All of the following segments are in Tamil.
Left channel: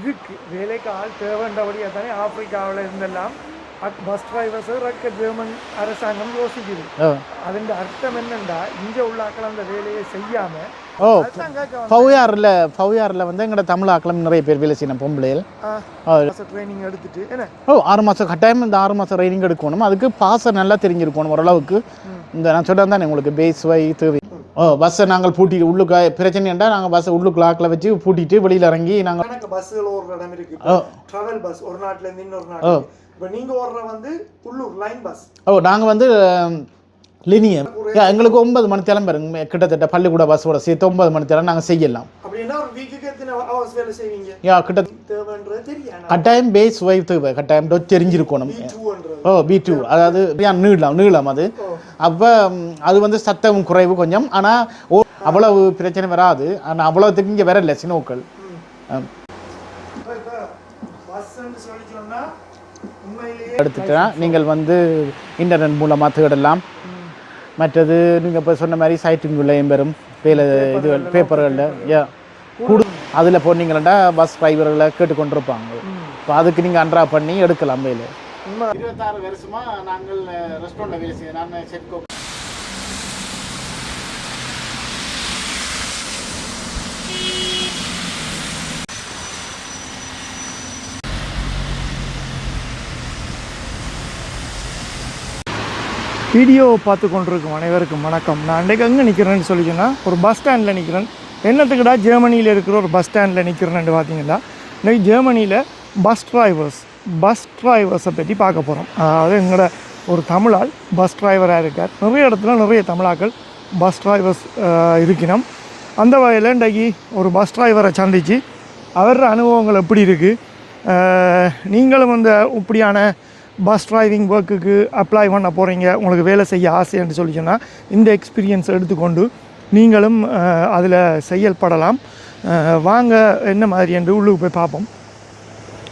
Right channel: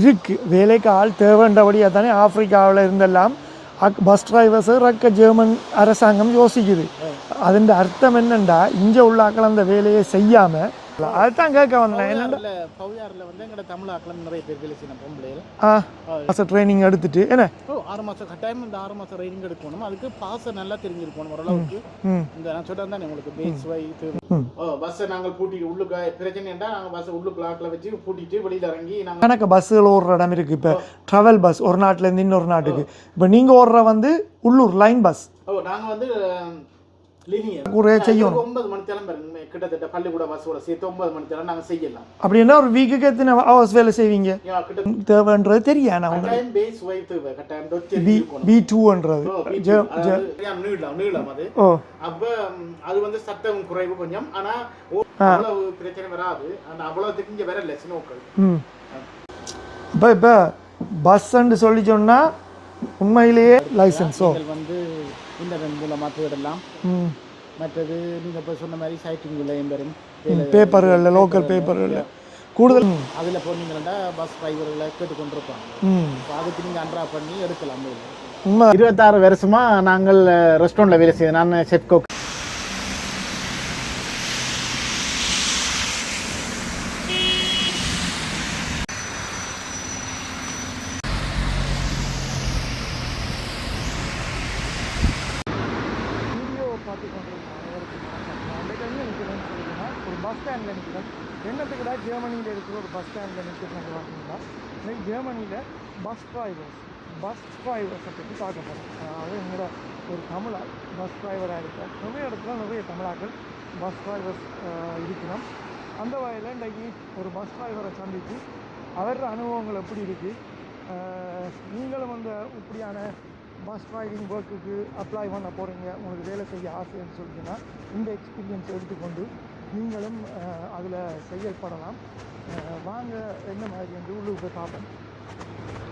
இருக்கு வேலைக்கு ஆள் தேவைன்றபடியாக தானே ஆப்பிரிக்காவில் இருந்தெல்லாம் பஸ் டிரைவர்ஸு ரக்க ஜெர்மன் அரசாங்கம் யோசிக்குது. அதன் அர்த்தம் என்னண்டா இங்கே உள்ள ஆக்கள் அந்த வேலையை செய்யாமல் அதுதான் கேட்க ஃபவ்யாரில் வந்து எங்களோட தமிழ் ஆக்களும் நிறைய பேர் வேலை செய்யணும் பொம்பளையில் ட்ரைனிங் எடுத்துட்டு என்ன 6 மாதம் கட்டாயம் இந்த 6 மாதம் ட்ரைனிங் எடுக்கணும். அதுக்கு பாச நல்லா தெரிஞ்சிருக்கணும் ஓரளவுக்கு. இந்த நான் சொல்கிறேன் தானே உங்களுக்கு பேஸ் வை தேவை. பஸ்ஸை நாங்கள் பூட்டிட்டு உள்ளுக்கு பிரச்சனைண்டா நாங்கள் பஸ்ஸை உள்ளுக்குள்ள ஆக்கில் வச்சு பூட்டிட்டு வெளியில் இறங்கி நாங்கள் எனக்கு பஸ்ஸுகள் ஓடுற இடம் இருக்குது. இப்போ ட்ராவல் பஸ் ஒரு நாட்டிலேருந்து இன்னொரு நாட்டுக்கு. இப்போ நீங்கள் ஓடுற வந்து உள்ளூர் லைன் பஸ். நாங்கள் வந்து லினியம் எங்களுக்கு 9 மணி தேலம் பாருங்க கிட்டத்தட்ட பள்ளிக்கூட பஸ்ஸோட சேர்த்து 9 மணி தேலம் நாங்கள் செய்யலாம். அப்படின்னா ஒரு வீக்குக்கு எத்தனை ஹவர்ஸ் வேலை செய்வீங்க? கிட்ட தேவைன்றது தெரியும். கட்டாயம் பேஸ் வைவ் தேவை கட்டாயம் தெரிஞ்சிருக்கணும். B2ன்றது B2 அதாவது நீளம் அது. அப்போ அது வந்து சத்தம் குறைவு கொஞ்சம். ஆனால் அவ்வளவு பிரச்சனை வராது. ஆனால் அவ்வளோத்துக்கு இங்கே வரல சினோக்கள். இப்போ பஸ்ன்னு சொல்லி சொன்னால் உண்மையிலேயே நீங்கள் வந்து இன்டர்நெட் மூலமாக தேடலாம். மற்றது நீங்கள் இப்போ சொன்ன மாதிரி சைட்டிங்குள்ளேயும் பெறும் பேப்பர்கள் கூடுதல் அதில் போனீங்கன்னா பஸ் டிரைவர்களை கேட்டுக்கொண்டிருப்பாங்க. இப்போ அதுக்கு நீங்கள் அன்ட்ரா பண்ணி எடுக்கலாம். வேலை 26 வருஷமாக நாங்கள் ரெஸ்டாரண்ட்டில் வேலை செய்ய நான் செஃப் குக். வீடியோ பார்த்து கொண்டிருக்கும் அனைவருக்கும் வணக்கம். நான் அன்றைக்கு எங்கே நிற்கிறேன்னு சொல்லிங்கன்னா ஒரு பஸ் ஸ்டாண்டில் நிற்கிறேன். என்னத்துக்குடா ஜெர்மனியில் இருக்கிற ஒரு பஸ் ஸ்டாண்டில் நிற்கிறேன்னு பார்த்தீங்கன்னா இன்றைக்கி ஜெர்மனியில் பஸ் டிரைவர்ஸை பற்றி பார்க்க போகிறோம். அதாவது எங்களோட ஒரு தமிழால் பஸ் டிரைவராக இருக்கார். நிறைய இடத்துல நிறைய தமிழாக்கள் பஸ் டிரைவர்ஸ் இருக்கணும். அந்த வகையில் இன்றைக்கி ஒரு பஸ் டிரைவரை சந்தித்து அவரோட அனுபவங்கள் எப்படி இருக்குது, நீங்களும் அந்த இப்படியான பஸ் டிரைவிங் ஒர்க்குக்கு அப்ளை பண்ண போகிறீங்க, உங்களுக்கு வேலை செய்ய ஆசைன்னு சொல்லி சொன்னால் இந்த எக்ஸ்பீரியன்ஸ் எடுத்துக்கொண்டு நீங்களும் அதில் செயல்படலாம். வாங்க என்ன மாதிரி என்று உள்ளுக்கு போய் பார்ப்போம்,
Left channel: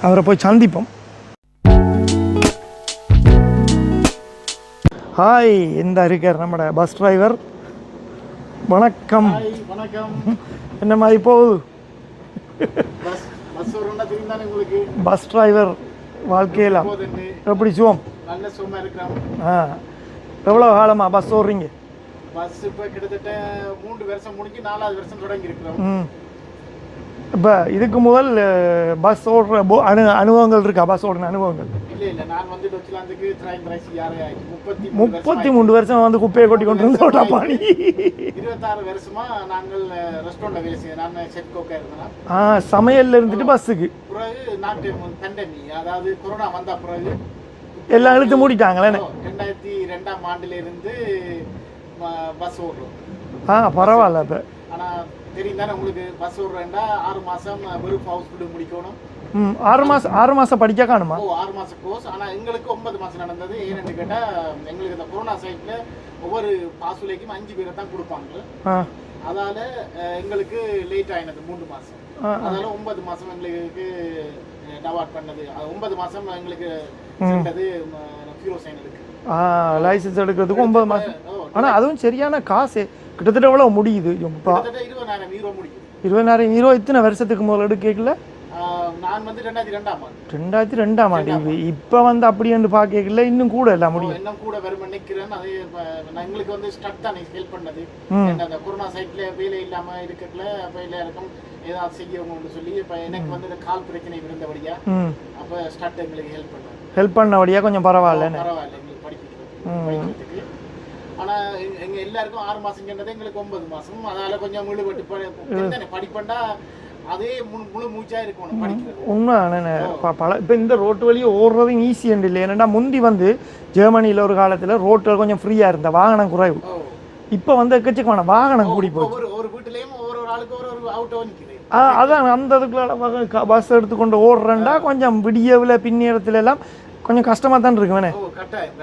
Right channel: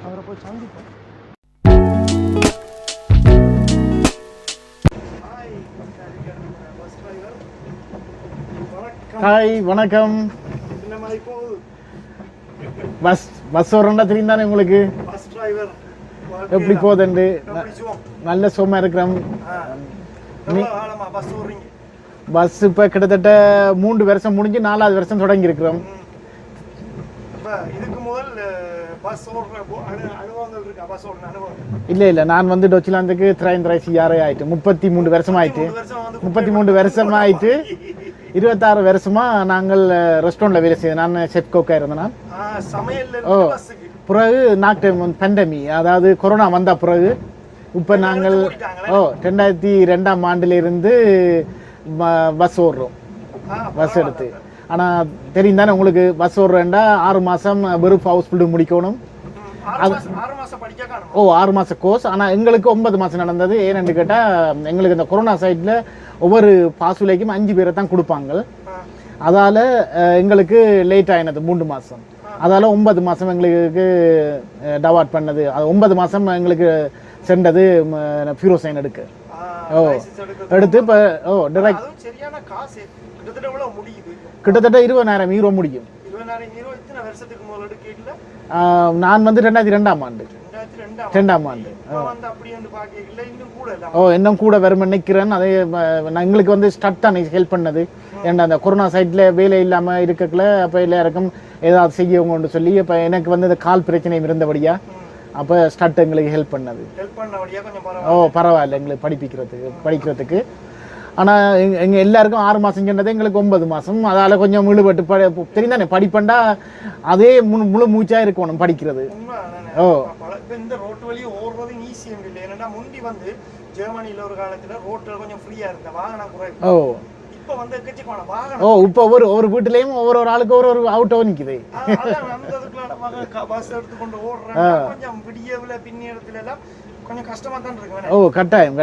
அவரை போய் சந்திப்போம். ஹாய், இந்த இருக்கார் நம்மளோட பஸ் டிரைவர். வணக்கம். ஹாய் வணக்கம். என்ன மாதிரி போகுது? பஸ் வரண்டா தெரியும் தானே உங்களுக்கு? பஸ் டிரைவர் வாழ்க்கையில் போதண்டு எப்படி சுகம்? நல்ல சுகமாக இருக்கிறோம். எவ்வளோ காலமா பஸ் ஓடுறீங்க? பஸ் இப்போ கிட்டத்தட்ட 3 வருஷம் முடிஞ்சு 4வது வருஷம் தொடங்கி இருக்கிறோம். இப்போ இதுக்கு முதல் பஸ் ஓடுற அனுபவங்கள் இருக்கா? பஸ் ஓடுற அனுபவங்கள்? இல்லை நான் வந்து டொச்சிலாந்துக்கு 33 ஆயிட்டு 33 வருஷம் ஆயிட்டு. 33 வருஷம் வந்து குப்பை 3 வருஷம் ஆயிட்டு 26 வருஷமா நாங்கள் ரெஸ்டாரண்ட்ல வேலை செய்ய. நான் செஃப் கோக்கா இருந்தேன். சமையல்ல இருந்து பஸ்ஸுக்கு பிறகு நாட்டு பேண்டமி, அதாவது கொரோனா வந்த பிறகு இப்போ இழுத்து மூடிட்டாங்களே. 2002ஆம் ஆண்டுல இருந்து பஸ் ஓடுறோம். பரவாயில்ல. ஆனால் தெரியும் தானே உங்களுக்கு, பஸ் ஓடுறேன்டா 6 மாதம் வெறும் ஹவுஸ்ஃபுல் முடிக்கணும். 6 மாதம் படிக்க காணுமா? 6 மாதம் கோர்ஸ். ஆனால் எங்களுக்கு 9 மாதம் நடந்தது. ஏன்னு கேட்டால் எங்களுக்கு இந்த கொரோனா சைடில் ஒவ்வொரு பாசுலைக்கும் 5 பேரை தான் கொடுப்பாங்க. அதால் எங்களுக்கு லேட் ஆயினது 3 மாதம். அதால் 9 மாதம் எங்களுக்கு டவாட் பண்ணது. 9 மாதம் எங்களுக்கு சென்றது ஃபியூரோசைன் எடுக்க லைசன்ஸ் எடுக்கிறது. அதுவும் சரியான காசு. கிட்டத்தட்ட எவ்வளோ முடியுது? கிட்டத்தட்ட 20,000 யூரோ முடியும். 20,000 யூரோ இத்தனை வருஷத்துக்கு முதல்ல எடுக்கல. நான் வந்து 2002ஆம் ஆண்டு. 2002ஆம் ஆண்டு. இப்போ வந்து அப்படி என்று பார்க்கல, இன்னும் கூட இல்லாம இன்னும் கூட வரும் நினைக்கிறேன். அதே எங்களுக்கு வந்து ஸ்டார்ட் தான் ஹெல்ப் பண்ணது. ஏன்னா அந்த கொரோனா சைட்ல வேலை இல்லாம இருக்கல, அப்ப எல்லாருக்கும் ஏதாவது செய்யவங்கன்னு சொல்லி இப்போ எனக்கு வந்து இந்த கால் பிரச்சனை இருந்தபடியா அப்போ ஸ்டார்ட் எங்களுக்கு ஹெல்ப் பண்ணபடியா கொஞ்சம் பரவாயில்ல எங்களுக்கு படிக்கிறதுக்கு. ஆனால் எங்கள் எல்லாருக்கும் 6 மாதம் சொன்னது எங்களுக்கு 9 மாதம். அதால் கொஞ்சம் முழுபட்டு தெரிந்தானே படிப்பண்டா அதே முழு மூச்சாக இருக்கணும் படிக்கிறது. உண்மை. இப்போ இந்த ரோட்டு வழியை ஓடுறது ஈஸி அண்ட் இல்லை. ஏன்னா முந்தி வந்து ஜெர்மனியில் ஒரு காலத்தில் ரோட்டில் கொஞ்சம் ஃப்ரீயாக இருந்த வாகனம் குறைவு. இப்போ வந்து எக்கச்சக்கமான வாகனம். இப்போ ஒவ்வொரு வீட்டுலேயும் ஒவ்வொரு ஆளுக்கு ஒரு அவுட்டோ நிற்குது. அதான் அந்த இதுக்குள்ள பஸ் எடுத்துக்கொண்டு ஓடுறேன்னா கொஞ்சம் விடியவில் பின்னேரத்துல எல்லாம் கொஞ்சம் கஷ்டமா தான் இருக்கு. கட்டாயம்.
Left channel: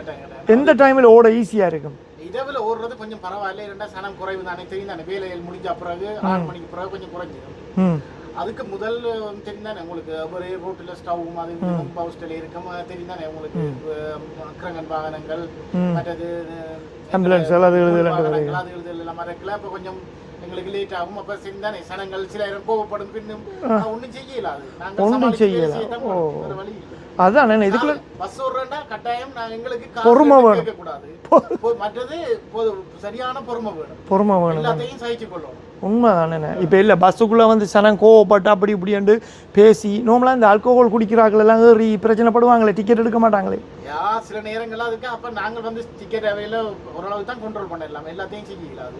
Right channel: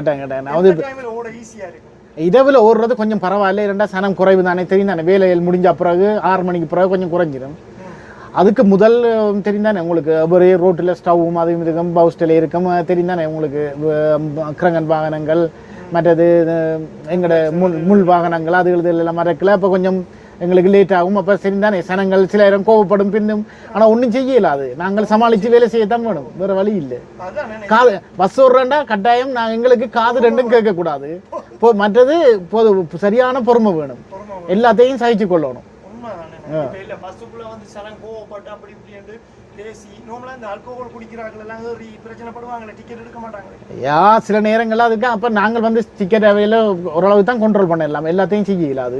எந்த டைம்ல ஓட ஈஸியா இருக்கும்? இரவுல ஓடுறது கொஞ்சம் பரவாயில்ல. இரண்டா சனம் குறைவு தானே தெரியும் தானே. வேலையில் முடிஞ்ச பிறகு 6 மணிக்கு பிறகு கொஞ்சம் குறைஞ்சிடும். அதுக்கு முதல் தெரிந்தானே உங்களுக்கு, ஒரே ரோட்டில் ஸ்டவ்வும் அதுவும் இருக்கும், பவுஸ்டில் இருக்கும். தெரிந்தானே உங்களுக்கு கிரங்கன் வாகனங்கள், மற்றது எங்களோட முள் வாகனங்கள், அது எல்லாம் மறக்கல. அப்போ கொஞ்சம் எங்களுக்கு லேட் ஆகும். அப்ப சரிதானே சனங்கள் சில நேரம் கோவப்படும் பின்னும், ஆனா ஒண்ணும் செய்யல. அது நாங்கள் சமாளிச்சு வேலை செய்யத்தான் வேணும், வேற வழி இல்லை. அதான் பஸ் ஓடுறா கட்டாயம் எங்களுக்கு காசு கேட்க கூடாது. மற்றது சரியான பொறுமை வேணும், எல்லாத்தையும் சகிச்சு கொள்ளணும். உண்மைதானே. இப்ப இல்ல பஸ்ஸுக்குள்ள வந்து சனம் கோவப்பட்டு அப்படி இப்படி பேசி நோமலா இந்த ஆல்கோஹால் குடிக்கிறார்கள் எல்லாம் ஏறி பிரச்சனைப்படுவாங்களே, டிக்கெட் எடுக்க மாட்டாங்களே. சில நேரங்கள்ல அதுக்கு அப்ப நாங்கள் வந்து டிக்கெட் அவையில ஓரளவு தான் கண்ட்ரோல் பண்ணலாம், எல்லாத்தையும் செய்யல. அது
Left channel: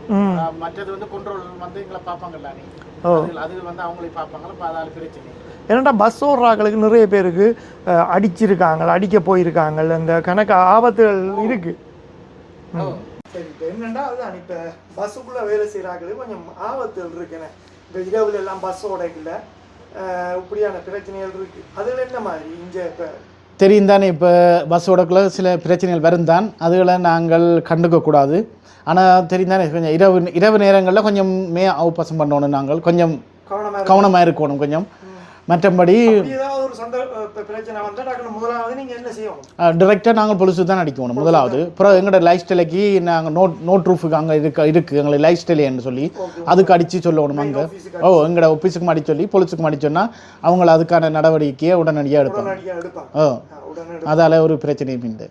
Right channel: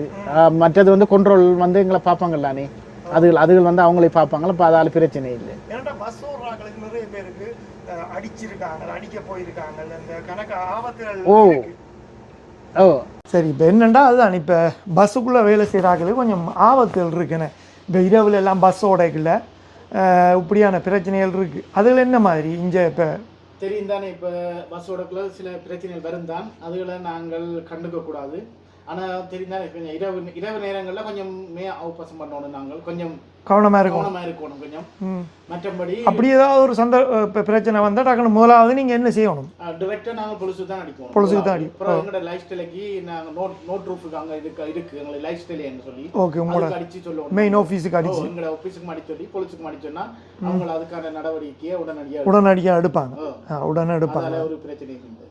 மற்றது வந்து கண்ட்ரோல் வந்து எங்களை பார்ப்பாங்கல்லானே, அதுகள் வந்து அவங்களே பார்ப்பாங்களா, அப்ப அதால பிரச்சனை இல்லை. ஏன்னா பஸ் ஓடுறாங்களுக்கு நிறைய பேருக்கு அடிச்சிருக்காங்க, அடிக்க போயிருக்காங்க, இந்த கணக்கு ஆபத்துகள் இருக்கு. சரி, இப்போ என்னண்டா அதுதான் இப்போ பஸ்ஸுக்குள்ளே வேலை செய்கிறாங்களே கொஞ்சம் ஆபத்துகள் இருக்குன்னு. இப்போ இரவுல எல்லாம் பஸ் ஓடைக்குள்ள இப்படியான பிரச்சனைகள் இருக்கு. அதில் என்ன மாதிரி இங்கே இப்போ தெரியும் தானே, இப்போ பஸ் ஓடக்குள்ள சில பிரச்சனைகள் வரும் தான், அதுகளை நாங்கள் கண்டுக்க கூடாது. ஆனால் தெரியும் தானே, கொஞ்சம் இரவு நேரங்களில் கொஞ்சம் அவகாசம் பண்ணணும், நாங்கள் கொஞ்சம் கவனமாக இருக்கணும் கொஞ்சம். மற்றபடி அப்படி ஏதாவது ஒரு பிரச்சனை வந்தால் டக்குனு முதலாவது நீங்கள் என்ன செய்யணும்? டிரெக்டாக நாங்கள் பொலிசு தான் அடிக்கணும் முதலாவது. அப்புறம் எங்களோட லைஃப் ஸ்டைலுக்கு நாங்கள் நோட் ரூஃபுக்கு அங்கே இருக்கு எங்களை லைஃப் ஸ்டைல்னு சொல்லி அதுக்கு அடித்து சொல்லணும். எங்களோட ஆஃபீஸுக்கு அடி சொல்லி பொலிசுக்கு அடி சொன்னால் அவங்கள அதுக்கான நடவடிக்கையை உடனடியாக எடுப்பாங்க. அதால ஒரு பிரச்சனையும் இல்லை.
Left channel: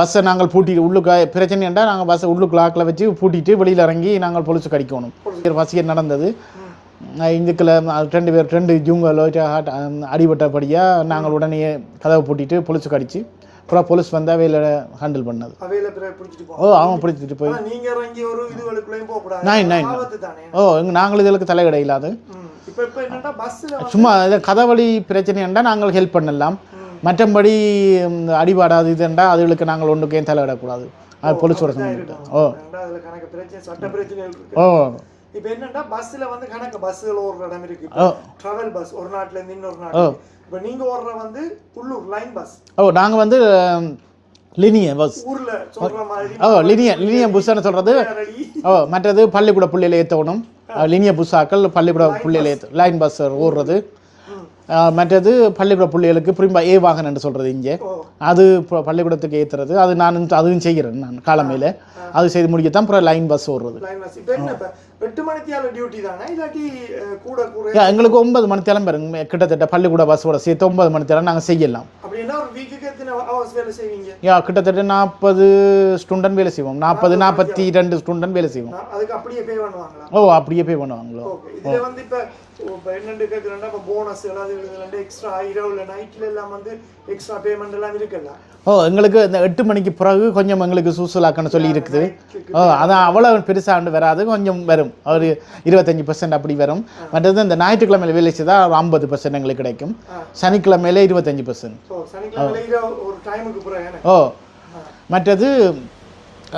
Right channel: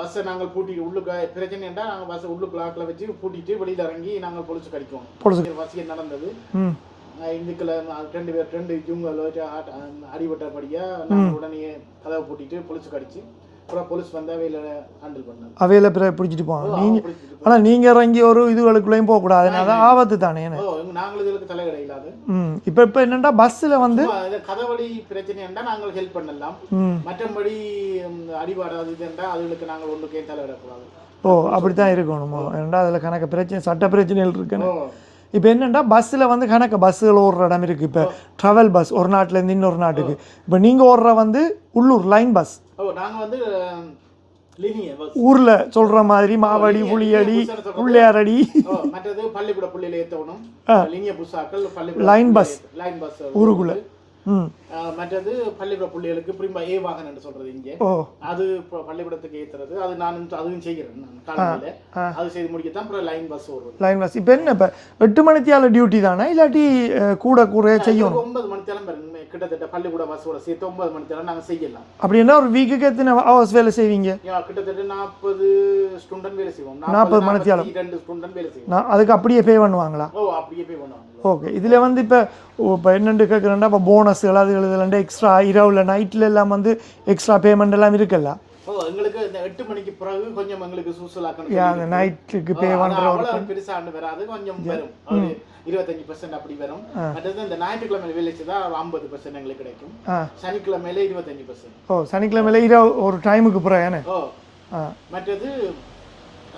பஸ்ஸை நாங்கள் பூட்டிட்டு உள்ளுக்கு பிரச்சனைண்டா நாங்கள் பஸ்ஸை உள்ளுக்கு லாக்கில் வச்சு பூட்டிட்டு வெளியில் இறங்கி நாங்கள் பொலிசுக்கு அடிக்கணும். பொலிசுக்கு வசியம் நடந்தது இங்குக்குள்ள 2 ஜூங்கலோ அடிபட்டபடியாக நாங்கள் உடனே கதவை பூட்டிட்டு பொலிசுக்கு அடிச்சு அப்புறம் போலீஸ் வந்து அவையில ஹேண்டில் பண்ணது. அவையில பிடிச்சிட்டு போவோம். அவன் பிடிச்சிட்டு போய் நீங்க இறங்கி ஒரு இதுகளுக்குள்ளேயும் போக கூடாது, ஆபத்து தானே. நாங்கள் இதுகளுக்கு தலையிட இல்லாது. இப்ப என்னன்னா பஸ்ல வந்து சும்மா கதவழி பிரச்சனைண்டா நாங்கள் ஹெல்ப் பண்ணலாம், மற்றபடி அடிபாடாது இதுண்டா அதுகளுக்கு நாங்கள் ஒன்றுக்கே தலையிடக்கூடாது. அப்படித்தான் இருக்கணும். அதுல கணக்கு பிரச்சனை சட்ட பிரச்சனைகள் இருக்கு. இப்போ என்னென்னா பஸ்ஸில் வந்து கணக்கு பஸ்ஸுகள் ஓடுற இடம் இருக்குது. இப்போ ட்ராவல் பஸ் ஒரு நாட்டிலேருந்து இன்னொரு நாட்டுக்கு. இப்போ நீங்கள் ஓடுற வந்து உள்ளூர் லைன் பஸ். நாங்கள் வந்து லினிய பஸ் ஊரில் சொல்கிற மாதிரி லினிய புஸ்ன்னு சொல்கிறது. மற்றது பள்ளிக்கூட புள்ளியில் ஏற்றணும். லினிய புஸ்ஸாக்கள் பள்ளிக்கூட லைன் பஸ் ஓடுறது. மற்றது பள்ளிக்கூட பிள்ளைகளுக்கு புரியும்பா ஏ வாகனம் என்று சொல்றது இங்கே, அது பள்ளிக்கூடத்துக்கு ஏற்றுறது. அது நான் அதுவும் செய்கிறேன். நான் காலமையில அது செய்து முடிக்கத்தான் அப்புறம் லைன் பஸ் ஓடுறது. லைன் பஸ் இப்போ என்ன இப்போ 8 மணித்தியால டியூட்டி தானே, இல்லாட்டி கூட எங்களுக்கு 9 மணித்தியாலம் பாருங்க, கிட்டத்தட்ட பள்ளிக்கூட பஸ்ஸோட சேர்த்து 9 மணித்தியாலம் நாங்கள் செய்யலாம். அப்படின்னா ஒரு வீக்குக்கு எத்தனை ஹவர்ஸ் வேலை செய்வீங்க? கிட்டத்தட்ட 40 ஸ்டூடெண்ட் வேலை செய்வோம். 42 ஸ்டூடெண்ட் வேலை செய்வோம். அதுக்கு அப்படியே பே பண்ணுவாங்களா? அப்படியே பே பண்ணுவாங்களா? ஓகே. இதுல வந்து இப்போ என்னென்னு கேட்குறேன்னா இப்போ போனஸ்கள் அது எழுதுலண்டா எக்ஸ்ட்ரா இரவுல நைட்டில் எல்லாம் வந்து எக்ஸ்ட்ரா பேமெண்ட் எல்லாம் இருக்குல்ல. எங்களுக்கு இந்த 8 மணிக்கு பிறகு கொஞ்சம் எங்களுக்கு சூசலாக்கன்னு சொல்லி இருக்குது. அதான் அவ்வளவு பெருசாண்டு வராது, கொஞ்சம் வரும், ஒரு 25% அப்படி வரும். மற்றது இந்த ஞாயிற்றுக்கிழமையில வேலை செய்தால் 50% எங்களுக்கு கிடைக்கும். சனிக்கிழமையில 25%. சனிக்கிழமையில இரவு ஒரு டைமுக்கு பிறகு. மற்றது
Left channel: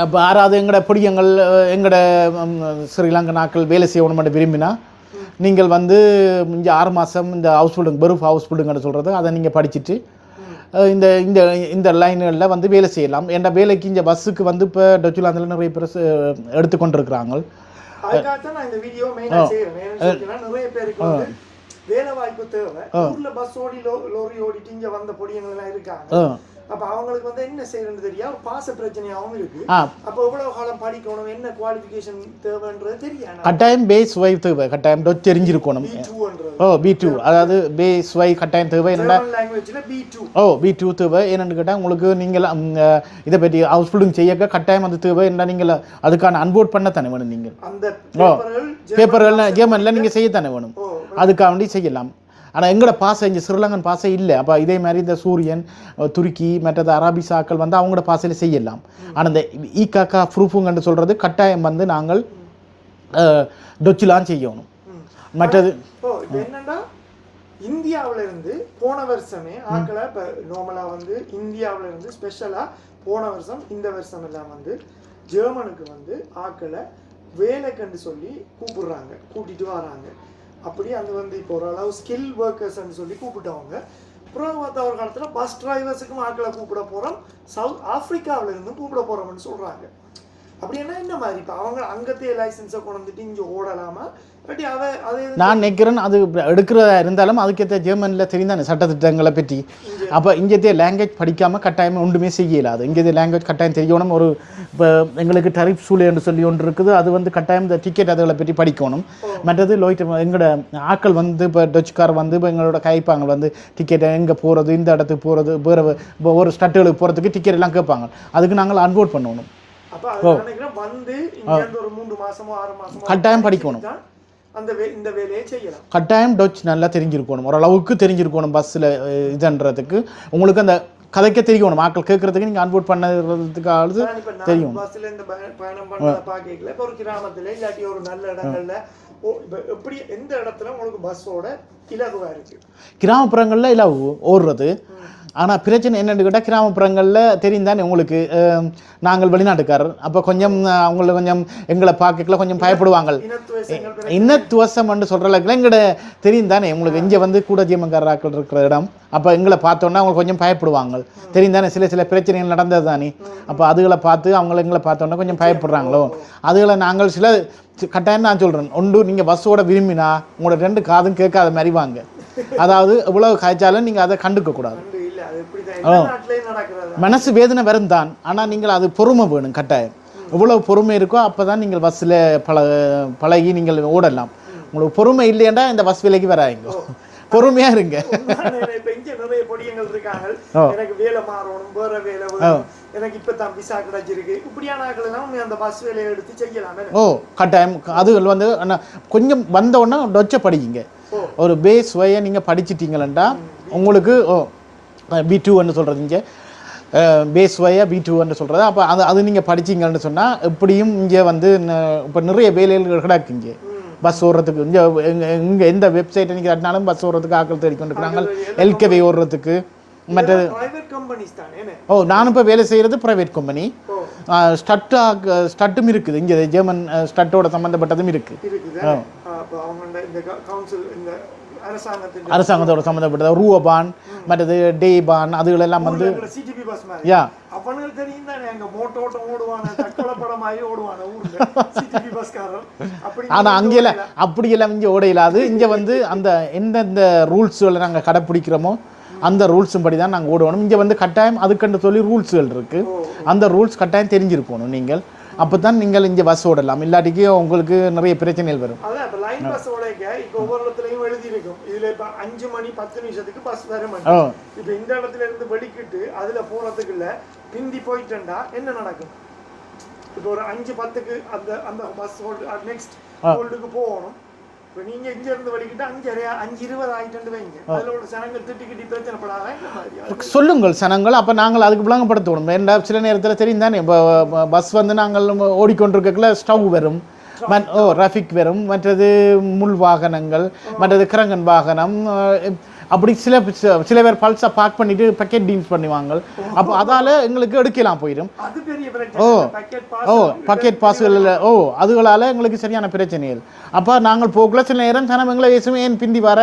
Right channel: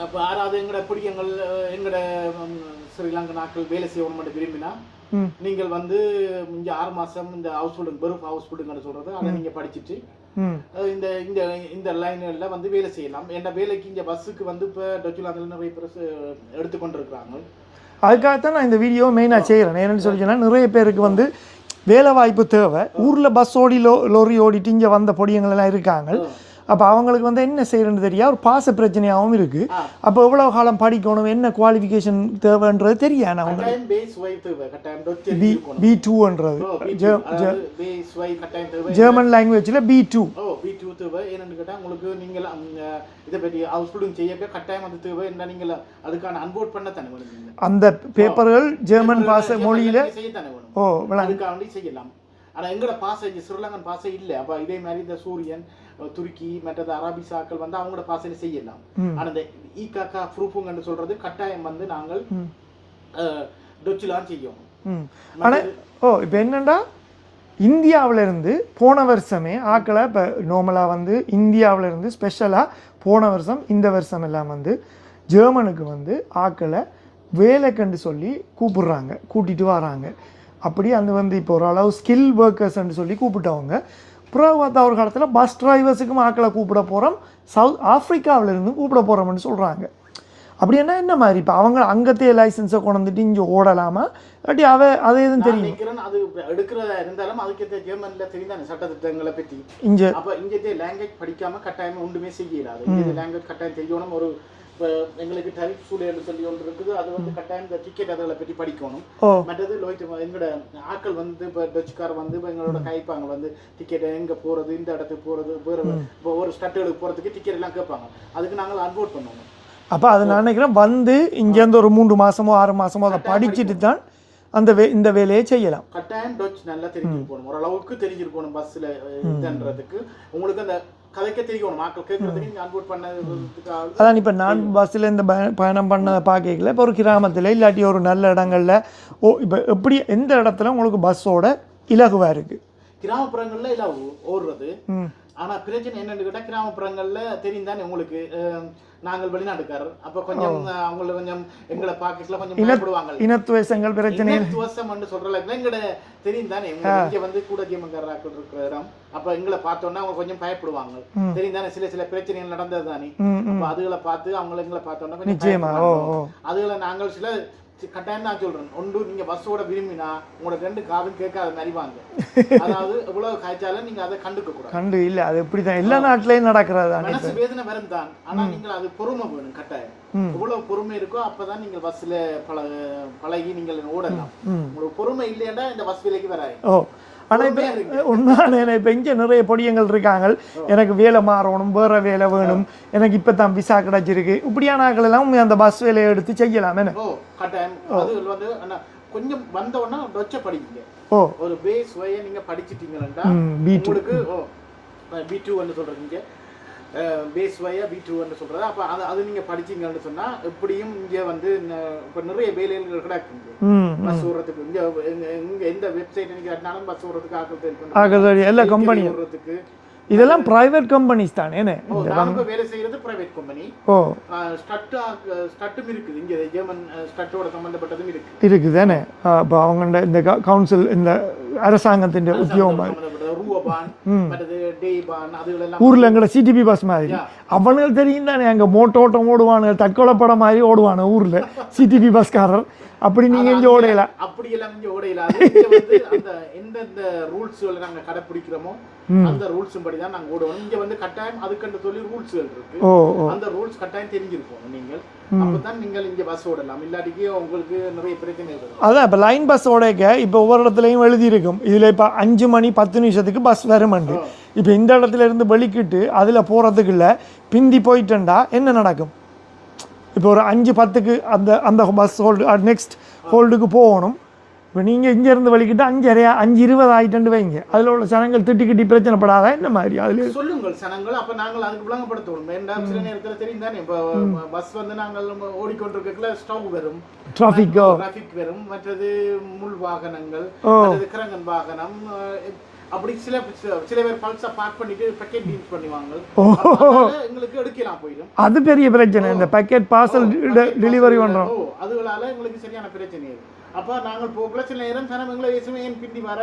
இப்போ யாராவது எங்களோட பொடியங்கள் எங்களோட ஸ்ரீலங்கா நாட்கள் வேலை செய்யணும் விரும்பினா நீங்கள் வந்து இந்த 6 மாதம் இந்த ஹவுஸ் பில்டிங் பெருஃப் ஹவுஸ் பில்டிங்னு சொல்கிறது அதை நீங்கள் படிச்சுட்டு இந்த இந்த இந்த லைன்களில் வந்து வேலை செய்யலாம். என்ற வேலைக்கு இந்த பஸ்ஸுக்கு வந்து இப்போ டொச்சுலாந்தில் நிறைய பேர் எடுத்துக்கொண்டிருக்கிறாங்க. அதுக்காகத்தான் நான் இந்த வீடியோ மெயினாக செய்கிறேன். ஏன்னு சொல்லிச்சுன்னா நிறைய பேருக்கு வந்து வேலை வாய்ப்பு தேவை. ஊரில் பஸ் ஓடி லோரி ஓடிட்டு இங்கே வந்த பொடியங்கள் எல்லாம் இருக்காங்க. அப்போ அவங்களுக்கு வந்து என்ன செய்யறதுன்னு தெரியா, ஒரு பாச பிரச்சனையாகவும் இருக்கு. அப்போ எவ்வளவு காலம் படிக்கணும், என்ன குவாலிஃபிகேஷன் தேவைன்றது தெரியாது. கட்டாயம் பேஸ் ஒய் தேவை, கட்டாயம் தெரிஞ்சிருக்கணும். B2ன்றது B2 அதாவது பேஸ் ஒய் கட்டாயம் தேவை. ஜெர்மன் லாங்குவேஜ்ல B2 B2 தேவை. என்னன்னு கேட்டால் உங்களுக்கு நீங்கள் இதை பற்றி ஹவுஸ் பில்டிங் செய்ய கட்டாயம் அது தேவை. என்ன நீங்கள் அதுக்கான அன்போர்ட் பண்ண தானே வேணும். நீங்கள் அந்த பேப்பர்கள் ஜெர்மன்ல நீங்கள் செய்ய தானே வேணும். அதுக்காக வேண்டி செய்யலாம். ஆனால் எங்களோட பாசை இங்கே ஸ்ரீலங்கன் பாசை இல்லை. அப்போ இதே மாதிரி இந்த சூரியன் துருக்கி மற்றது அரபிசாக்கள் வந்து அவங்களோட பாசையில் செய்யலாம். ஆனால் இந்த ஈகாக்கா ப்ரூஃபுங்கன்னு சொல்கிறது கட்டாயம் வந்து நாங்கள் டொச்சிலான் செய்யணும். மற்றது இப்போ என்னென்னா இந்தியாவிலேருந்து போன வருஷமே ஆக்களை இப்போ நார்மலாக வந்து இந்தியாவிலேருந்து ஸ்பெஷலாக போன வருஷம் இந்த வருஷம் எல்லாம் வந்து ஜெர்மனுக்கு வந்து ஆக்களை வேலைக்கண்டு சொல்லி கூட்டிகிட்டு வராங்க. அப்படி அந்த வந்து இப்போ ஓரளவு ஸ்கில் ஒர்க்கர்ஸ்ன்னு சொல்லி கூப்பிட்டவங்க. அப்புறம் பார்த்தா ஒரு காலத்தில் பஸ் டிரைவர்ஸுக்கும் ஆக்களை கூப்பிட போகிறோம், சவுத் ஆஃப்ரிக்காவிலேருந்து கூப்பிட போகிறோம்னு சொல்கிறாங்க. அப்படின்னா என்ன மாதிரி இப்போ அவங்க அங்கத்தையே லைசன்ஸை கொண்டு வந்துட்டு இங்கே ஓடலாமா இல்லாட்டி அதே நான் நினைக்கிறேன் அது எடுக்கிறதா இருந்தாலும் அதுக்கேற்ற ஜெர்மனில் தெரிந்தானே சட்டத்திட்டங்களை பற்றி இங்கே அப்போ இங்கேயே லாங்குவேஜ் படிக்காமல் கட்டாயம் ஒன்றுமே செய்யலாது இங்கேயே லாங்குவேஜ் கட்டாயம் தெரியணும் ஒரு இப்போ எங்களுக்கு டரிஃப் சூழல்னு சொல்லி ஒன்று இருக்குது அது வந்து கட்டாயம் இந்த டிக்கெட் அதுகளை பற்றி படிக்கணும் மற்றது லோய்ட் எங்களோட ஆக்கள் வந்து இப்போ டச்சுக்கார் வந்து இப்போ எங்களோட கைப்பாங்க வந்து டிக்கெட் எங்கே போகிறது இந்த இடத்துக்கு போகிறது வேறு ஒரு ஸ்டட்டுகளுக்கு போகிறதுக்கு டிக்கெட் எல்லாம் கேட்பாங்க அதுக்கு நாங்கள் அன்வோட் பண்ணணும் அப்போ அதை நான் நினைக்கிறேன் வந்து இங்கேருந்து ஒரு 3 மாதமோ 6 மாதமோ படிச்சுட்டு தான் இந்த வேலையை செய்யலாம் கட்டாயம் டச் நல்லா தெரிஞ்சிருக்கணும் ஓரளவுக்கு தெரிஞ்சிருக்கணும் பஸ்ஸில் இதுன்றதுக்கு உங்களுக்கு அந்த கதைக்க தெரியணும் மக்கள் கேட்கறதுக்கு நீங்கள் அன்போட் பண்ணுறதுக்கு அதான் இப்போ நான் பஸ்ஸில் இந்த பயணம் பண்ணதை பார்க்கல இப்போ ஒரு கிராமத்தில் இல்லாட்டி ஒரு நல்ல இடங்கள்ல இப்போ எப்படி எந்த இடத்துல உங்களுக்கு பஸ்ஸோட இலகுவாக இருக்குது கிராமப்புறங்களில் இல்லை ஓடுறது ஆனால் பிரச்சனை என்னென்னு கேட்டால் கிராமப்புறங்களில் தெரியும் தானே உங்களுக்கு நாங்கள் வெளிநாட்டுக்காரர் அப்போ கொஞ்சம் அவங்களை கொஞ்சம் எங்களை பார்க்கல கொஞ்சம் பயப்படுவாங்க இனத்துவசம்னு சொல்கிற அளவுக்கு எங்கள்ட தெரியும் தானே உங்களுக்கு இங்கே வந்து கூட ஜீமக்காரர்கள் இருக்கிற இடம் அப்போ எங்களை பார்த்தோன்னா அவங்க கொஞ்சம் பயப்படுவாங்க தெரியும் தானே சில பிரச்சனைகள் நடந்தது தானே அப்போ அதுகளை பார்த்து அவங்கள எங்களை பார்த்தோன்னா கொஞ்சம் பயப்படுறாங்களோ அதுகளை நாங்கள் சில கட்டாயம் நான் சொல்றேன் ஒன்று நீங்க பஸ்ஸோட விரும்பினா உங்களோட 2 காதும் கேட்காத மாதிரி வாங்க அதாவது எவ்வளவு காய்ச்சாலும் நீங்க அதை கண்டுக்க கூடாது இல்ல அது இப்படிதான் எல்லா நாட்டிலையும் நடக்கிறது மனசு வேதனை வரும் தான் ஆனா நீங்கள் அது பொறுமை வேணும் கட்டாயம் எவ்வளவு பொறுமை இருக்கோ அப்பதான் நீங்கள் பஸ்ல பழகி நீங்கள் ஓடலாம் உங்களுக்கு பொறுமை இல்லையண்டா இந்த பஸ் விலைக்கு வராங்க பொறுமையா இருங்க இப்ப இங்க நிறைய பொடியங்கள் இருக்காங்க எனக்கு வேலை மாறணும் வேற வேலை வேணும் எனக்கு இப்பதான் விசா கிடைச்சிருக்கு இப்படியான ஆட்கள் எல்லாம் அந்த பஸ் வேலையை எடுத்து செய்யலாம் கட்டாயம் அது வந்து கொஞ்சம் வந்த உடனே டொச்ச படிங்க ஒரு பேஸ் வய நீங்க படிச்சிட்டீங்களா உங்களுக்கு B2 சொல்றது இங்க பேஸ் வயா B2 சொல்றது அப்போ அது நீங்கள் படிச்சிங்கன்னு சொன்னால் எப்படியும் இங்கே வந்து இப்போ நிறைய வேலைகள் கிடக்கு இங்கே பஸ் ஓடுறதுக்கு இங்கே எந்த வெப்சைட்டை நீங்கள் கட்டினாலும் பஸ் ஓடுறதுக்கு ஆக்கள் தெரிவிக்கணும் ஓடுறதுக்கு இதெல்லாம் பிரைவேட் கம்பெனிஸ் தானே நான் இப்போ வேலை செய்யறது பிரைவேட் கம்பெனி ஸ்டட்டும் இருக்குது இங்கே ஜெர்மன் ஸ்டட்டோட சம்மந்தப்பட்டதும் இருக்குதானே இப்போ அவங்க இந்த கவுன்சில் இந்த அரசாங்கத்தோட சம்பந்தப்பட்டது ரூபான் மற்றது டேபான் அதுகளெல்லாம் ஊர்ல எங்கட சிடிபி பஸ் மாதிரி அவனுக்கு தெரியும் தானே அங்க மோட்டோட்டம் ஓடுவானு தற்கொலை படம் மாதிரி ஓடுவானு ஊர்ல சிடிபி பஸ்காரர் அப்படி எல்லாம் இங்க ஓடையிலாது இங்க வந்து அந்த எந்தெந்த ரூல்ஸ்களை நாங்க கடைப்பிடிக்கிறோமோ அந்த ரூல்ஸும் படி தான் நாங்க ஓடுவோம் இங்க வந்து கட்டாயம் அதுக்கண்டு சொல்லி ரூல்ஸ்கள் இருக்கு அந்த ரூல்ஸ் கட்டாயம் தெரிஞ்சிருக்கணும் நீங்கள் அப்பதான் நீங்கள் இங்க பஸ் ஓடலாம் இல்லாட்டிக்கு உங்களுக்கு நிறைய பிரச்சனைகள் வரும் அதான் இப்ப லைன் பஸ் ஓடைக்க இப்ப ஒவ்வொரு இடத்துலயும் எழுதி இருக்கும் இதுல இப்ப 5 மணி 10 நிமிஷத்துக்கு பஸ் வரும் இப்ப இந்த இடத்துல இருந்து வெளிக்கிட்டு அதுல போறதுக்கு இல்ல பிந்தி போயிட்டா என்ன நடக்கும் இப்ப ஒரு 5:10க்கு அந்த பஸ் ஹோல்டு நெக்ஸ்ட் ஹோல்டுக்கு போகணும் இப்போ நீங்கள் இங்கேருந்து வலிக்கிட்டு 5:20 ஆகிட்டு வைங்க அதில் உள்ள சனங்கள் திட்டி பிரச்சனைப்படாத இந்த மாதிரி அதில் சொல்லுங்கள் சனங்கள் அப்போ நாங்கள் அதுக்கு விளங்கப்படுத்தணும் ஏன்னா சில நேரத்தில் தெரியும் தானே இப்போ பஸ் வந்து நாங்கள் ஓடிக்கொண்டிருக்கல ஸ்டவ் வரும் டிராஃபிக் வரும் மற்றது முள் வாகனங்கள் மற்றது கிரங்கன் வாகனம் அப்படி சில பேர் பல்ஸா பார்க் பண்ணிட்டு பாக்கெட் டீல்ஸ் பண்ணுவாங்க அப்ப அதால எங்களுக்கு எடுக்கலாம் போயிடும் அது பெரிய பிரச்சனை பாக்கெட் பார்சல் அதுகளால எங்களுக்கு சரியான பிரச்சனைகள் அப்ப நாங்கள் போகல சில நேரம் ஜனங்களை ஏன் பிந்தி வர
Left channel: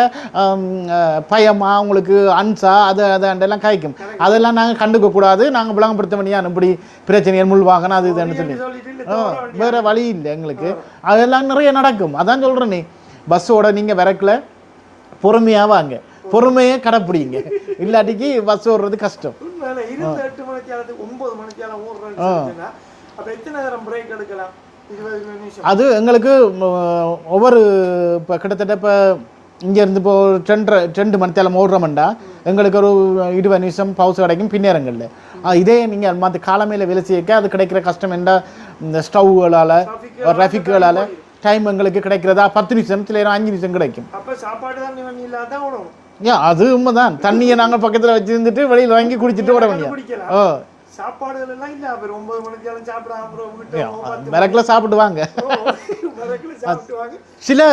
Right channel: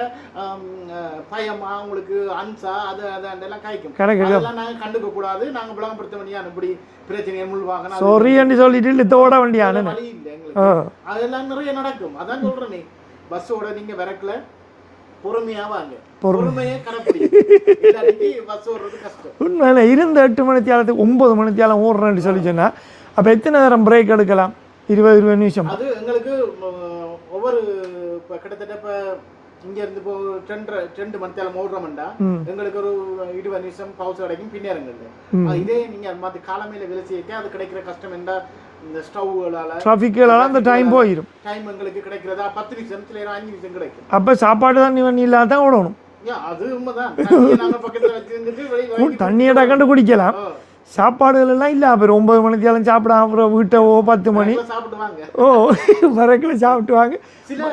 பயமா உங்களுக்கு அன்சா அதெல்லாம் காய்க்கும் அதெல்லாம் நாங்க கண்டுக்க கூடாது நாங்க விளங்கப்படுத்த வேண்டிய இப்படி பிரச்சனைகள் முள் வாகனம் அது சொல்லிட்டு வழி இல்லை எங்களுக்கு அதெல்லாம் நிறைய நடக்கும் அதான் சொல்றேன் நீ பஸ்ஸோட நீங்க விறக்கல பொறுமையா வாங்க பொறுமையை கடைப்பிடிங்க இல்லாட்டிக்கு பஸ் ஓடுறது கஷ்டம் உண்மையில இருந்த 8 மணித்தியாலத்துக்கு 9 மணித்தியாலம் ஓடுறேன்னு சொல்லிச்சுன்னா அப்ப எத்தனை நேரம் பிரேக் எடுக்கலாம் 20 நிமிஷம் அது எங்களுக்கு ஒவ்வொரு இப்போ கிட்டத்தட்ட இப்போ இங்க இருந்து இப்போ 2 மணித்தியாலம் ஓடுறோம்டா எங்களுக்கு ஒரு 20 நிமிஷம் பவுஸ் கிடைக்கும் பின்னேரங்கள்ல இதே நீங்க மற்ற காலமையில வேலை செய்ய அது கிடைக்கிற கஷ்டம் என்ன இந்த ஸ்டவ்களால டைம் எங்களுக்கு கிடைக்கிறதா 10 நிமிஷம் சில 5 நிமிஷம் கிடைக்கும் அப்ப சாப்பாடு தான் இல்லாத ஓடணும் அது உண்மைதான் தண்ணியை நாங்க பக்கத்துல வச்சிருந்துட்டு வெளியில வாங்கி குடிக்கலாம் சாப்பாடுகள் எல்லாம் இல்ல அப்புறம் 9 மணிக்கு சாப்பிடாம அப்புறம் வீட்டை 10 மணிக்குள்ள சாப்பிடுவாங்க மரக்குள்ள சாப்பிட்டுவாங்க சில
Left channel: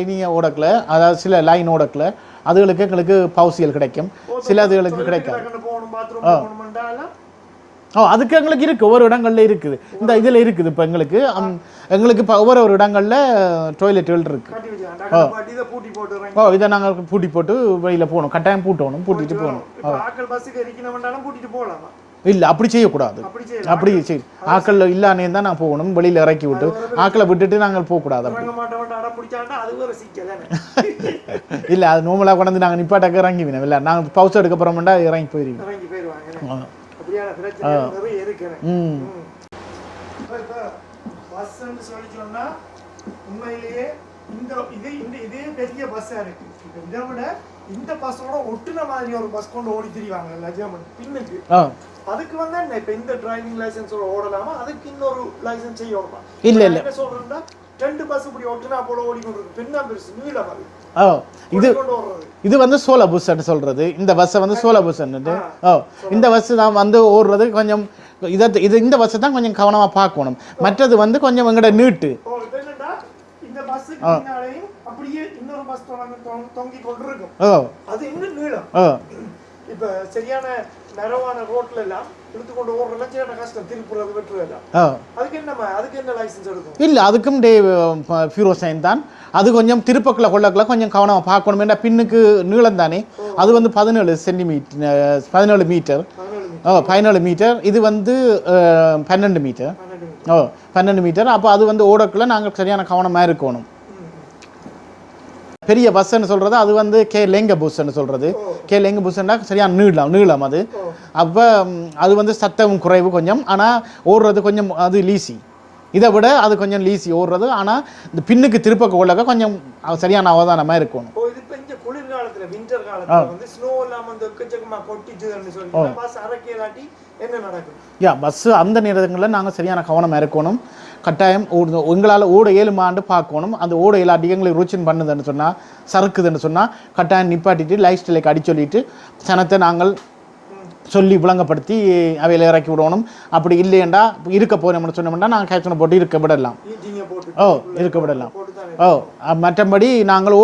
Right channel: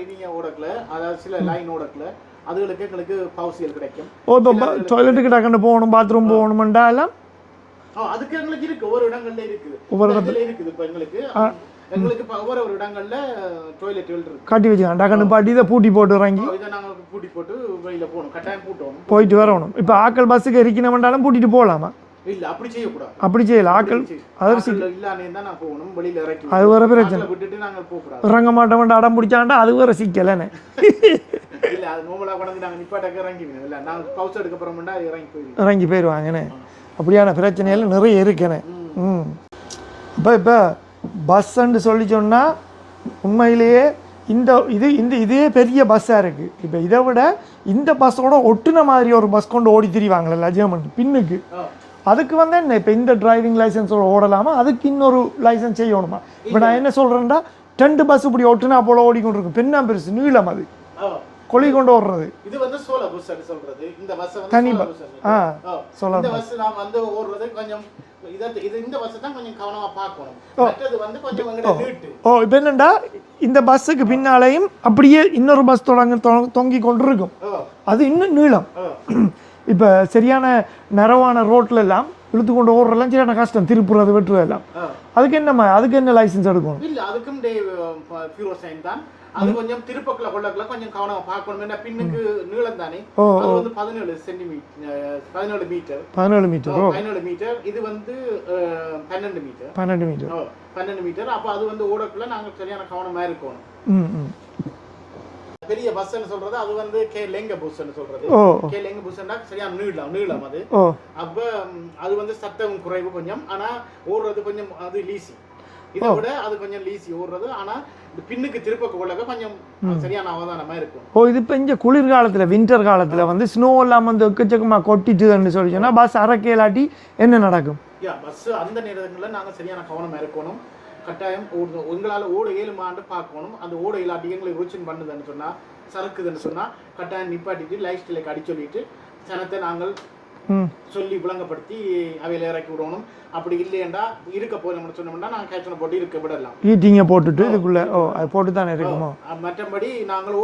லினிய ஓடக்கல அதாவது சில லைன் ஓடக்கல அதுகளுக்கு எங்களுக்கு பவுசியல் கிடைக்கும் சில அதுகளுக்கு போகணும் பாத்ரூம் போகணும்டா எல்லாம் அதுக்கு எங்களுக்கு இருக்கு ஒவ்வொரு இடங்கள்ல இருக்குது இந்த இதுல இருக்குது இப்ப எங்களுக்கு இப்ப ஒவ்வொரு இடங்கள்ல டாய்லெட்டுகள் இருக்கு கட்டி வச்சுக்காங்க பாட்டி இதை பூட்டி போட்டு இதை நாங்க பூட்டி போட்டு வெளியில போகணும் கட்டாயம் பூட்டணும் போயிட்டு வரணும் இப்ப ஆக்கள் பஸ்ஸுக்கு இருக்கணும்னாலும் பூட்டிட்டு போகலாமா இல்ல அப்படி செய்யக்கூடாது. அப்படி செய்யலாம். அப்படி ஆக்கள் இல்லானே தான் நான் போகணும், வெளியில இறக்கி விட்டு ஆக்களை விட்டுட்டு நாங்கள் போக கூடாது. இறங்க மாட்டோம் அடம் பிடிச்சாண்டா அது வேற சிக்கலன்னு. இல்ல அது நார்மலா கொண்டு நாங்க நிப்பாட்டக்க இறங்கி வினோம் இல்ல நாங்க பவுஸ் எடுக்க போறோம்டா இறங்கி போயிருவாங்கன்னு. அப்படியான பிரச்சனைகள் நிறைய இருக்குன்னு. இப்போ பஸ்ன்னு சொல்லி சொன்னா உண்மையிலேயே இதே பெரிய பஸ்ஸாக இருக்குது. இப்போ இதை விட இந்த பஸ்ஸோட ஒட்டுன மாதிரி ஒரு பஸ் கொண்டு ஓடி திரிவாங்கல்ல ஜெர்மன் பின்னுக்கு, அதுக்கு வந்து என்ன இப்போ இந்த டிரைவிங் லைசன்ஸோட ஓடலாமா, அதுக்கு இன்னொரு லைசன்ஸ் செய்யணுமா? இல்லை என்ன சொல்கிறேன்டா 2 பஸ் இப்படி ஒட்டுனா போல ஓடிக்கொண்டு இருக்கும், பெண்ணா பெருசு நீளம் அது கொடி கொண்டு ஓடுறது. இது வந்து சோலா பஸ் சொல்றது, இந்த பஸ் வந்து சோலா பஸ். இந்த பஸ் தான் வந்து ஓடுறது கொஞ்சம் இந்த பஸ் தான் கொஞ்சம் கவனமா பார்க்கணும். மற்றது வந்து கொஞ்சம் எங்கட நீட்டு. இப்போ என்னண்டா இந்த பஸ்ஸுக்கு பின்னாலையும் அப்படியே இன்னொரு பஸ் தொங்கி கொண்டு இருக்கும், அது இன்னும் நீளம். இப்போ சரியான நரவான ரோட்ல எல்லாம் இழுத்து கொண்டு ஓடுறலாம் சரியான கஷ்டம், திருப்புறது வெட்டுறது எல்லாம். அதுக்கு என்ன லைசன்ஸ் எடுக்கும்? இல்ல அதுக்கும் ஃபியூரோசைன் தான். அது கொஞ்சம் திருப்பக்குள்ள கொள்ளக்குள்ள கொஞ்சம் கவனமா பார்க்கணும். ஏன்னா பின்னுக்கு நீளம் தானே, அது வந்து 17 சென்டிமீட்டர் 17 மீட்டர். இது வந்து 12 மீட்டர். அப்போ அது வந்து ஓடக்குள்ள நாங்கள் சரியான கவனமா இருக்கணும். பெரிய பஸ்ன்னு சொல்றது அது வந்து லெங்க பஸ்ன்னு சொல்றது. லெங்க பஸ்ன்னா சரியான நீளம் அது. அப்ப அது வந்து சத்தம் குறைவு கொஞ்சம், ஆனா ஓடுறது கொஞ்சம் அது லீசி. இதை விட அது கொஞ்சம் லீசி ஓடுறது, ஆனா இந்த பின்னுக்கு திருப்ப கொள்ளக்க கொஞ்சம் சரியான அவதானமா இருக்கும். இது இப்போ இங்கே குளிர்காலத்துல வின்டர் காலத்துல வந்து ஸ்னோ எல்லாம் வந்து எக்கச்சக்கமா கொட்டிட்டுன்னு சொல்லி சொன்னா பஸ் அறக்கையிலாட்டி என்ன நடக்கும்? பஸ் அந்த நேரங்களில் நாங்கள் சரியான கவனமா இருக்கணும். கட்டாயம் உங்களால் ஓட 7 ஆண்டு பார்க்கணும். அந்த ஓட இல்லாட்டி எங்களுக்கு ருச்சின் பண்ணுதுன்னு சொன்னால், சறுக்குதுன்னு சொன்னால் கட்டாயம் நிப்பாட்டிட்டு லைஃப் ஸ்டைலுக்கு அடி சொல்லிட்டு சனத்தை நாங்கள் சொல்லி விளங்கப்படுத்தி அவையில இறக்கி விடணும். அப்படி இல்லையண்டா இருக்க போனோம்னு சொன்னோம்னா நாங்கள் கேட்சனை போட்டு இருக்க விடலாம், மற்றபடி நாங்கள்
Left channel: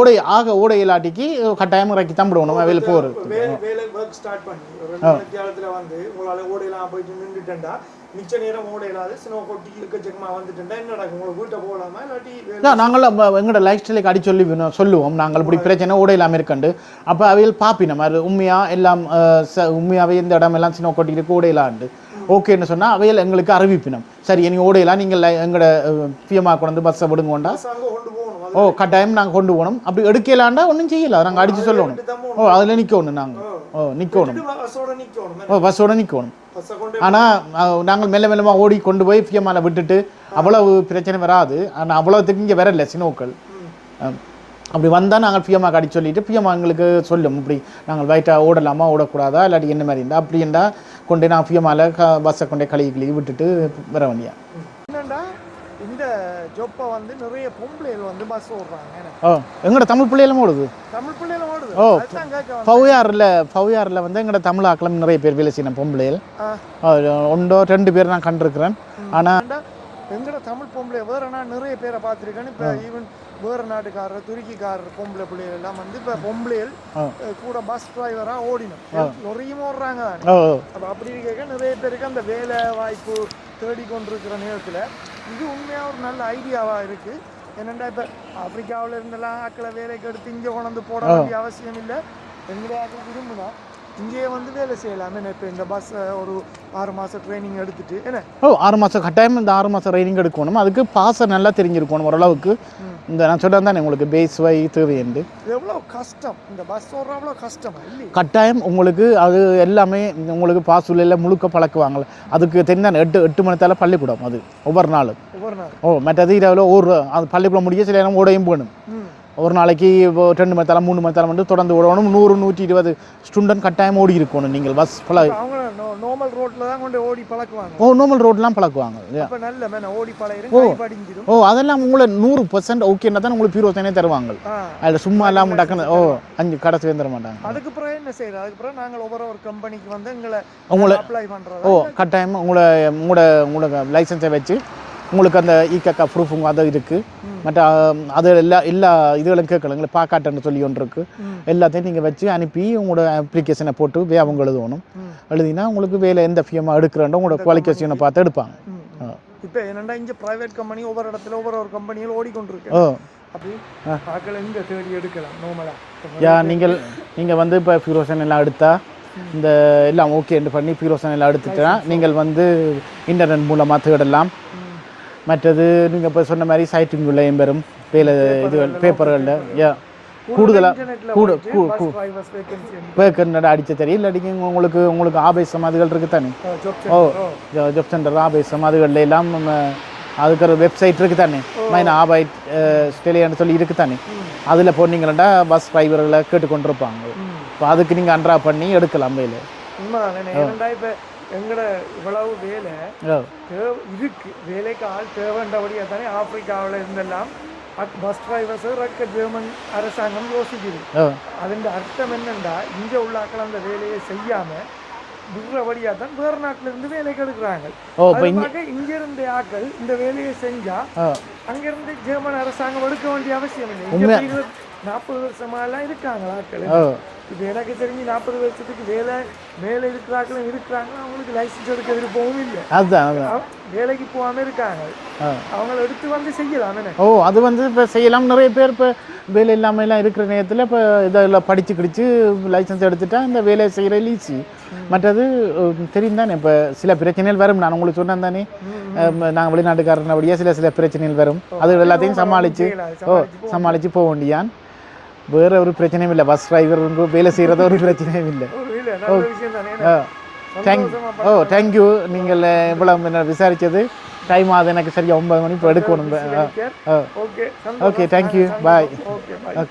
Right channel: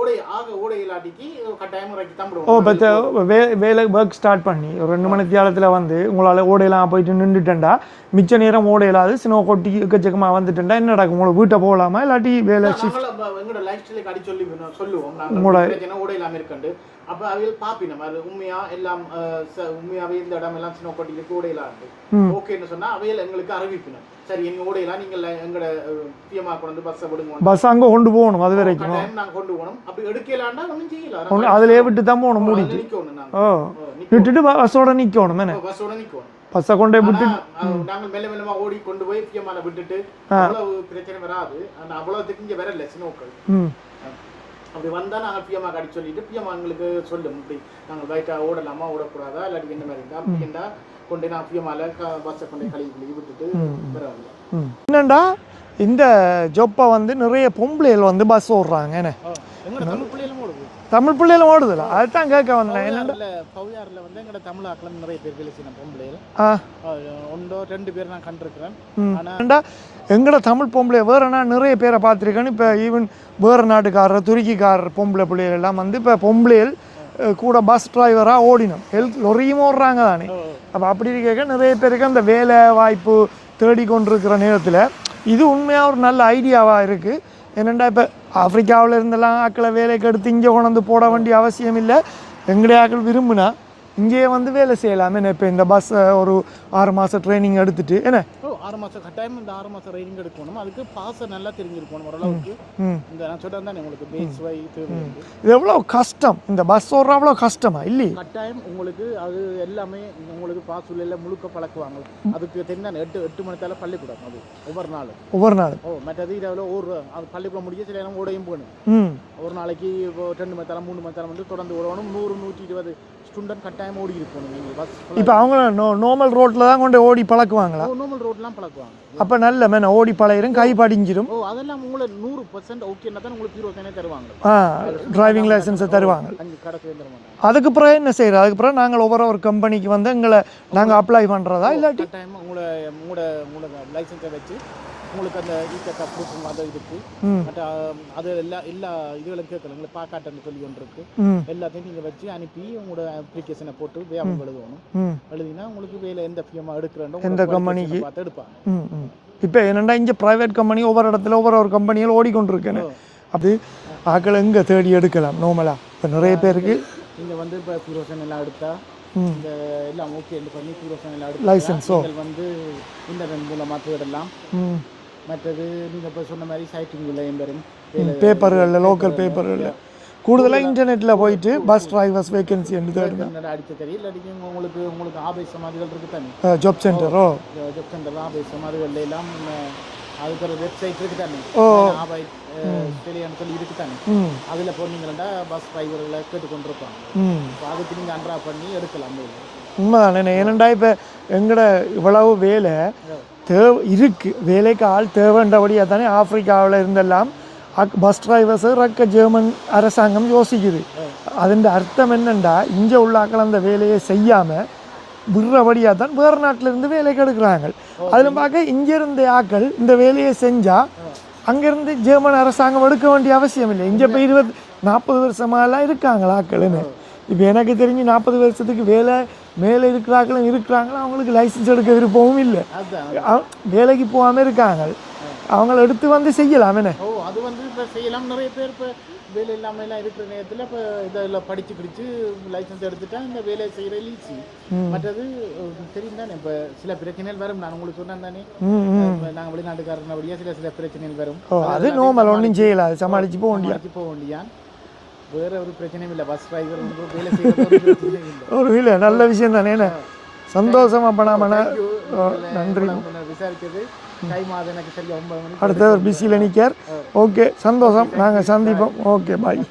ஓட இல்லாட்டிக்கு கட்டாயம் இறக்கி தான் விடுவோம். வேலை ஒர்க் ஸ்டார்ட் பண்ணி ஒரு 2 மணி நேரத்தில் வந்து உங்களால் ஓடையெல்லாம் போயிட்டு நின்றுட்டேன்டா, மிச்ச நேரம் ஓட இல்லாது சின்ன கொட்டி எக்கச்சக்கமாக வந்துட்டேன்டா என்ன நடக்கும்? உங்களுக்கு வீட்டை போகலாமா இல்லாட்டி வேலை? நாங்கள் எங்களோட லைஃப் ஸ்டைலுக்கு அடி சொல்லி சொல்லுவோம். நாங்கள் பிரச்சனை ஓட இல்லாமல் இருக்கண்டு. அப்போ அவையில் பாப்பினோம் அது உண்மையா எல்லாம் உண்மையாவே இந்த இடம் எல்லாம் சின்ன கொட்டிட்டு ஓடையிலாண்டு ஓகேன்னு சொன்னால் அவையில் எங்களுக்கு அறிவிப்பினோம். சரி இனி ஓடையெல்லாம் நீங்கள் எங்களோட பிஎம்ஆ கொண்டு பஸ்ஸை விடுங்க, பஸ் அங்கே கொண்டு போகணும், அது கட்டாயம் நாங்கள் கொண்டு போகணும். அப்படி எடுக்கலாண்டா ஒன்றும் செய்யல, நாங்கள் அதில் விட்டு தான் போகணும். அதில் நிற்கணும், நாங்கள் நிற்கிட்டு பஸ்ஸோட நிற்கணும். பஸ்ஸை கொண்டு ஆனால் நாங்கள் மெல்ல மெல்லமா ஓடி கொண்டு போய் பிஎம்ஆல விட்டுட்டு அவ்வளவு பிரச்சனை வராது. ஆனால் அவ்வளவுக்கு இங்கே வரல சினோக்கள். அப்படி வந்தால் நாங்கள் பிஎம்ஆ அடி சொல்லிட்டு பிஎம்ஆ எங்களுக்கு சொல்லும் இப்படி நாங்கள் வயிற்றாக ஓடலாமா ஓடக்கூடாதா இல்லாட்டி என்ன மாதிரி இருந்தால் அப்படி இருந்தால் கொண்டு நான் பிஎம்ஆல பஸ்ஸை கொண்டே கழுவி விட்டுட்டு வர வேண்டியா. என்னண்டா இந்த ஜொப்பை வந்து நிறைய பொம்பளைகள் வந்து பஸ் ஓடுறாங்க. எங்களோட தமிழ் பிள்ளைகளும் ஓடுது. அதுதான் கேட்க பவுயாரில் வந்து எங்களோட தமிழ் ஆக்களும் நிறைய பேர் வேலை செய்யணும் பொம்பளைகள். 1-2 பேர் நான் கண்டிருக்கிறேன். ஆனால் எங்களோட தமிழ் பொம்பளை வேற நான் நிறைய பேரை பார்த்துருக்கேன். இப்போ ஈவன் வேறு நாட்டுக்காரர் துருக்கிக்காரர் பொம்பளை பிள்ளைகள் எல்லாம் வந்து இப்போ பொம்பளைகள் கூட பஸ் டிரைவராக ஓடினோம், லொரியும் ஓடுறாங்க தானே. அப்போ அப்படி இருக்க நிறைய பேருக்கு அந்த வேலை வாய்ப்பு தேடிக்கொண்டிருக்கிற நேரத்தில் இது உண்மையாக ஒரு நல்ல ஐடியாவாக இருக்குது. என்னென்னா இப்போ ஆப்பிரிக்காவில் இருந்தெல்லாம் ஆக்களை வேலைக்கு எடுத்து இங்கே கொண்டு போட வேண்டிய அவசியம் இல்லை. எங்களுடைய ஆக்கள் விரும்புனா இங்கேயே வந்து வேலை செய்யலாமே. இப்போ இந்த பஸ் ஒரு 6 மாதம் ட்ரைனிங் எடுத்துட்டு என்ன 6 மாதம் கட்டாயம் இந்த 6 மாதம் ட்ரைனிங் எடுக்கணும். அதுக்கு பாச நல்லா தெரிஞ்சிருக்கணும் ஓரளவுக்கு. இந்த நான் சொல்கிறேன் தானே உங்களுக்கு பேஸ் வை தேவையுண்டு. இது எவ்வளோ கஷ்டம், இந்த பஸ் ஓடுற அவ்வளோ கஷ்டமா இல்லை? கட்டாயம் உங்களுக்கு அது எல்லாமே உங்களுக்கு பாஸ் உள்ள முழுக்க பழக்குவாங்க. அதுக்கு தெரிஞ்சால் 8 மணித்தால பள்ளிக்கூடம் அது ஒவ்வொரு நாள். மற்றது இரவில் அது பள்ளிக்கூடம் முடிய சில நேரம் ஓடையும் போகணும். ஒரு நாளைக்கு 2 மணி நேரம் 3 மணி நேரம் வந்து தொடர்ந்து ஓடணும். 100-120 ஸ்டூடெண்ட் கட்டாயம் ஓடி இருக்கணும். நீங்கள் பஸ் அவங்க நார்மல் ரோட்ல தான் கொண்டு ஓடி பழக்குவாங்க. நார்மல் ரோட்லாம் பழக்குவாங்க. அப்போ நல்ல மேன ஓடி பழகிரும், கை படிஞ்சிடும். அதெல்லாம் உங்களை 100% ஓகேன்னா தான் உங்களுக்கு பியூரோசனே தருவாங்க. அதில் சும்மா இல்லாமல் தருவாங்க, 5 கடைசி தர மாட்டாங்க. அதுக்கு பிறகு என்ன செய்யறது? அதுக்கு பிறகு நாங்கள் ஒவ்வொரு கம்பெனிக்கு வந்து உங்களை அப்ளை பண்ணுறதா? கட்டாயம் உங்களோட லைசன்ஸை வச்சு உங்களுக்கு அந்த இகேகா ப்ரூஃப் அது இருக்கு. மற்ற அது எல்லா இதுகளும் கேட்கலாம். எங்களுக்கு பாக்காட்டுன்னு சொல்லி ஒன்று இருக்கு. எல்லாத்தையும் நீங்கள் வச்சு அனுப்பி உங்களோட அப்ளிகேஷனை போட்டு அவங்க எழுதணும். எழுதினா உங்களுக்கு வேலை எந்த ஃபியமாக எடுக்கிறோம் உங்களோட குவாலிஃபிகேஷனை பார்த்து எடுப்பாங்க. இப்போ என்னென்னா இங்கே ப்ரைவேட் கம்பெனி ஒவ்வொரு இடத்துல ஒவ்வொரு கம்பெனியில் ஓடிக்கொண்டிருக்கு. அப்படி ஆக்களை எங்கே தேடி எடுக்கலாம் நார்மலாக? நீங்கள் வந்து இப்போ ஃபியூரோசன் எல்லாம் எடுத்தால் இந்த எல்லாம் ஓகேன்னு பண்ணி பிரோசன் எல்லாம் எடுத்துட்டா நீங்கள் வந்து இன்டர்நெட் மூலமா தேடலாம். மற்றது நீங்க இப்ப சொன்ன மாதிரி சைட்டிங்குள்ளேயும் பெறும் கூடுதல் இன்டர்நெட்ல போயிட்டு பஸ் டிரைவர்ஸ் வேகன்சி அடிச்ச தெரியும். இல்லாட்டி உங்களுக்கு ஆபேசம் அதுகள் இருக்கு தானே, ஜாப் சென்டர் ஆபேசம் அதுகள்ல எல்லாம் அதுக்கு ஒரு வெப்சைட் இருக்கு தானே, ஆபாய்ட் ஸ்டெலியான்னு சொல்லி இருக்கு தானே, அதுல போனீங்கன்னா பஸ் டிரைவர்களை கேட்டுக்கொண்டிருப்பாங்க. இப்போ அதுக்கு நீங்க அன்ட்ரா பண்ணி எடுக்கலாம் வேலை. உண்மைதானே. ஏனண்டா இப்போ எங்கட இவ்வளவு வேலை தேவை இருக்கு, வேலைக்கு ஆள் தேவைன்றபடியாக தானே ஆப்பிரிக்காவில் இருந்தெல்லாம் பஸ் டிரைவர்ஸ் ரக்க ஜெர்மன் அரசாங்கம் யோசிக்குது. அதன் அர்த்தம் என்னண்டா இங்கே உள்ள ஆக்கள் அந்த வேலையை செய்யாமல் விடுறபடியாக தான் வேறு நாட்டில் இருந்து வேலைக்கு எடுக்கிறாங்க. அதில் பார்க்க இங்கே இருந்த ஆக்கள் இந்த வேலையை செஞ்சால் அங்கேருந்து ஜெர்மன் அரசாங்கம் எடுக்க வேண்டிய அவசியம் இல்லை. இங்கே 20-40 வருஷமாலாம் இருக்காங்களா ஆக்கள். இப்போ எனக்கு தெரிஞ்சு 40 வருஷத்துக்கு மேலே இருக்கிறாங்களும் இருக்கிறாங்களா, அவங்களுக்கு லைசன்ஸ் எடுக்க விருப்பமும் இல்லை. அதுதான் வேலைக்கு போகாமல் இருக்காங்க. அவங்கள எடுத்து வந்து செய்யலாம் என்ன. அது வந்து இப்போ செய்யலாம். நிறைய பேர் இப்போ வேலை இல்லாமல் எல்லாம் இருக்கிற நேரத்தில் இப்போ இதெல்லாம் படித்து கிடிச்சு லைசன்ஸ் எடுத்துட்டா இந்த வேலையை செய்கிற ஈஸி. மற்றது தெரியும் தானே, இப்போ சில பிரச்சனைகள் வரும். நான் உங்களுக்கு சொன்னேன் தானே, நாங்கள் வெளிநாட்டுக்காரனபடியா சில பிரச்சனைகள் வரும். அது எல்லாத்தையும் சமாளித்து போக வேண்டியான். வேற ஒரு பிரச்சனையும் இல்லை. பஸ் டிரைவர் வேலை செய்யறத ஒரு பிரச்சனையும் இல்லை. ஒரு இல்லை, நல்ல விஷயம் தானே. சந்தோஷமா பண்ணலாம். தேங்க்யூ. நீங்கள் இவ்வளவு விசாரிச்சது. டைம் ஆகுது எனக்கு சரியா 9 மணி. பிஸியில் நிற்கார். ஓகே, சந்தோஷம். தேங்க்யூ. ஓகே, பாய்.